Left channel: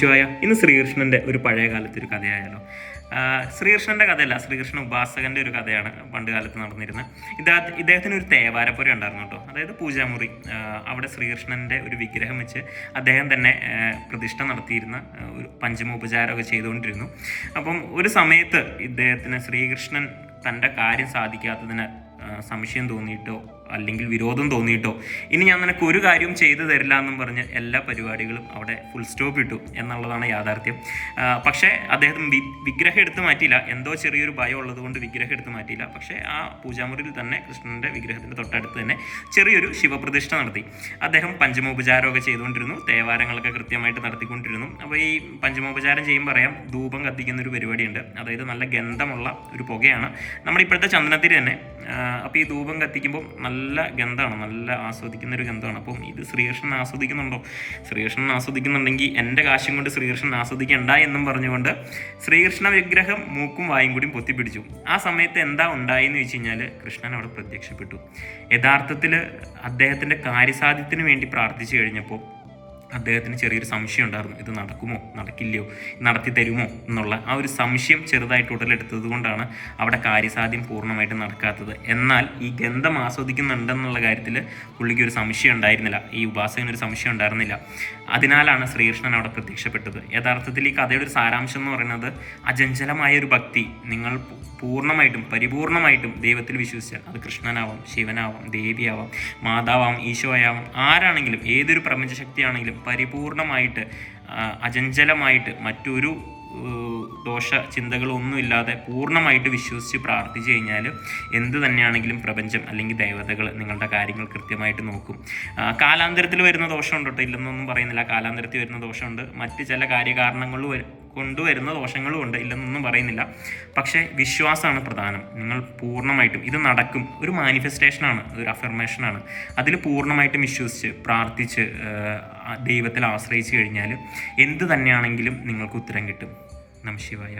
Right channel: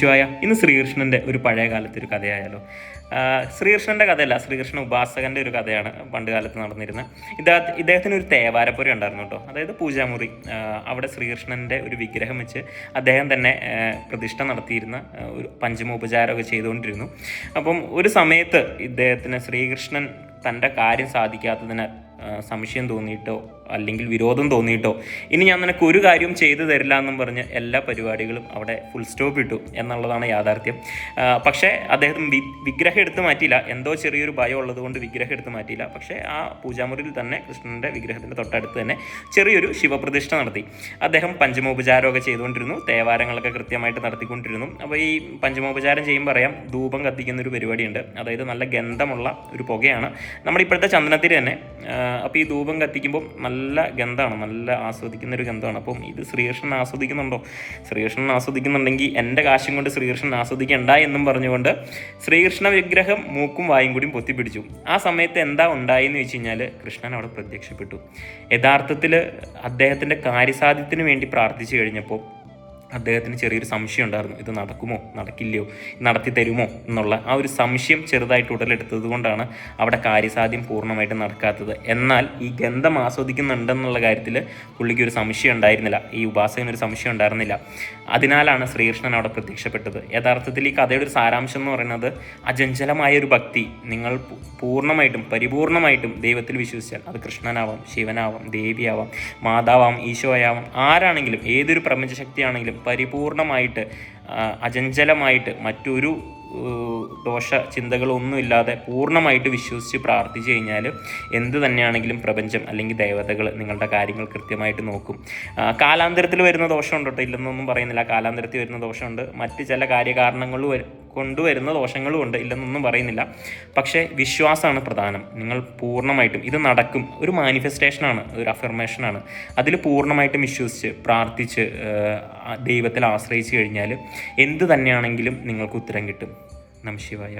ശിവായ. ഇന്ന് ശ്രീകൃഷ്ണന്റെ ഒരു പഴയ കാലത്തെ ഒരു കഥയായാലോ. ശ്രീകൃഷ്ണന്റെ കഥയല്ല, ശ്രീകൃഷ്ണ ഉപാസകന്റെ ഒരു കഥയാണ് പണ്ട് കാലത്ത് നടന്നിരുന്നത്. ഇദ്ദേഹത്തിന് ഒരു തേവാരപ്പുര ഉണ്ടായിരുന്നു കേട്ടോ, അതായത് പൂജാമുറി. അവിടെ ശ്രീകൃഷ്ണന്റെ ഒരു വിഗ്രഹം വെച്ച് അദ്ദേഹം തന്നെ പ്രതിഷ്ഠ നടത്തിയിരുന്ന ഒരു പഞ്ചമോപചാരമൊക്കെ ചെയ്തുകൊണ്ടിരുന്നു. അപ്പം ഒരു സമയത്ത് ഇദ്ദേഹത്തിന് ശ്രീകൃഷ്ണൻ തൻ്റെ കാര്യം സാധിക്കാത്തതിന് സംശയം തോന്നിയിട്ടോ അല്ലെങ്കിൽ വിരോധം തോന്നിയിട്ടോ ഇനി ഞാൻ നിനക്ക് ഒരു കാര്യം ചെയ്തു തരില്ല എന്നും പറഞ്ഞ് എല്ലാ പരിപാടികളും അവിടെ ഫുൾ സ്റ്റോപ്പ് ഇട്ടു എന്നുള്ളതാണ് യാഥാർത്ഥ്യം. പക്ഷേ അദ്ദേഹം വിഗ്രഹം എടുത്ത് മാറ്റിയില്ല. എന്തോ ചെറിയൊരു ഭയം ഉള്ളത് കൊണ്ട് വിഗ്രഹം എടുത്ത് മാറ്റിയില്ല. പക്ഷേ ആ പൂജാമുറിയിൽ തന്നെ കൃഷ്ണന്റെ വിഗ്രഹത്തിന്റെ തൊട്ടടുത്ത് തന്നെ ചെറിയൊരു ശിവപ്രതിഷ്ഠ നടത്തി. അദ്ദേഹം പഞ്ചമോപചാരമൊക്കെ ചെയ്തുകൊണ്ടിരുന്നു, തേവാരങ്ങളൊക്കെ കൃത്യമായിട്ട് നടത്തിക്കൊണ്ടിരുന്നു. അപ്പോൾ ഈ പഞ്ചമോപചാരം ചെയ്യുമ്പോൾ അറിയാം, ധൂപം കത്തിക്കുന്ന ഒരു പരിപാടിയുണ്ട്. അതായത് നല്ല ഗന്ധമുള്ള ഒരു പുകയാണ് നമ്മുടെ ഇപ്പോഴത്തെ ചന്ദനത്തിരി തന്നെ. അപ്പോൾ ഈ ധൂപം കത്തിക്കുമ്പോൾ നല്ല ഗന്ധമാണ്, നല്ല ആസ്വദിക്കുന്ന ഒരു ഗന്ധമാണ്. അപ്പം ഇത് ശ്രീകൃഷ്ണൻ ആസ്വദിക്കുന്നുണ്ടോ? ശ്രീകൃഷ്ണൻ ആസ്വദിക്കുന്നുണ്ടെങ്കിൽ എൻ്റെ കാശും കൊണ്ട് ശ്രീകൃഷ്ണൻ ആസ്വദിക്കണ്ട എന്നും പറഞ്ഞുകൊണ്ട് ശ്രീകൃഷ്ണ വിഗ്രഹം മൂക്കും വായും കൂടി പൊത്തിപ്പിടിച്ചു. ആ സമയത്ത് എന്താ ഉണ്ടായെന്ന് വെച്ച് കഴിഞ്ഞാൽ കൃഷ്ണൻ അവിടെ പ്രത്യക്ഷപ്പെട്ടു. യഥാർത്ഥത്തിൽ അദ്ദേഹത്തിൻ്റെ കാര്യസാധ്യത്തിന് വേണ്ടി പ്രാർത്ഥിച്ചു കഴിഞ്ഞപ്പോൾ അദ്ദേഹത്തിന് ചെറിയൊരു സംശയം ഉണ്ടായിരുന്നു. ഇത് നടക്കുമോ നടക്കില്ലയോ, നടത്തി തരുമോ എന്നുള്ള ആ ഒരു സംശയം ചെറുതായിട്ട് ഉടലെടുത്തത് കൊണ്ടാണ് അവിടെ കാര്യസാധ്യം പൂർണ്ണമായിട്ട് നടക്കാത്തത്. എന്നാൽ ഈ ഗന്ധം ആസ്വദിക്കുന്നുണ്ടെന്നുള്ള കാര്യത്തിൽ പുള്ളിക്ക് ഒരു സംശയം ഉണ്ടായിരുന്നില്ല, ഈ ഉപാസകനൊരു സംശയം ഉണ്ടായിരുന്നില്ല. അതിനാലാണ് ശ്രീകൃഷ്ണൻ അവിടെ പ്രത്യക്ഷപ്പെട്ടത്. യഥാർത്ഥത്തിൽ ഈ കഥയുടെ ഒരു സാരാംശം എന്ന് പറയുന്നത്, അചഞ്ചലമായ ഒരു ഭക്തി നിങ്ങൾ പൂർണ്ണമായിട്ടും പരിപൂർണമായിട്ടും ദൈവത്തിൽ വിശ്വസിച്ചാൽ, അത് കൃഷ്ണനാവാം, ശിവനാവാം, ദേവിയാവാം, മാതാവാം, ഈശോയാവാം, ആരാണെങ്കിലും ഏതൊരു പ്രപഞ്ചശക്തിയാണെങ്കിലും പരിപൂർണമായിട്ട് അചഞ്ചലമായിട്ട് മറ്റൊരു ദോഷ ചിന്തകളൊന്നുമില്ലാതെ പൂർണ്ണമായിട്ട് വിശ്വസിച്ച് പ്രാർത്ഥിച്ചു കഴിഞ്ഞാൽ എന്ത് തന്നെയാണെങ്കിലും പ്രപഞ്ചം അല്ലെങ്കിൽ ദേവതകൾ നിങ്ങളുടെ കാര്യങ്ങൾ കൃത്യമായിട്ട് നോക്കും. കാലാന്തരത്തിൽ വരുന്ന ദോഷമുണ്ട് കേട്ടോ, ഇല്ലെന്നൊന്നും പറയുന്നില്ല. കാലാന്തരത്തിൽ വരുന്ന ദോഷമുണ്ട്, മറ്റ് ചില കാര്യകാരണങ്ങൾ കൊണ്ടുവരുന്ന ദോഷങ്ങളും ഉണ്ട്, ഇല്ലെന്നൊന്നും പറയുന്നില്ല. പക്ഷേ വിശ്വാസമാണ് പ്രധാനം. നിങ്ങൾ പൂർണ്ണമായിട്ടും ഇത് നടക്കും, ഒരു മാനിഫെസ്റ്റേഷനാണ്, ഒരു അഫർമേഷനാണ്. അതിൽ പൂർണ്ണമായിട്ടും വിശ്വസിച്ച് പ്രാർത്ഥിച്ച് ദൈവത്തിൽ ആശ്രയിച്ചു കഴിഞ്ഞാൽ എന്ത് തന്നെയാണെങ്കിലും നിങ്ങൾക്ക് ഉത്തരം കിട്ടും. നമഃ ശിവായ.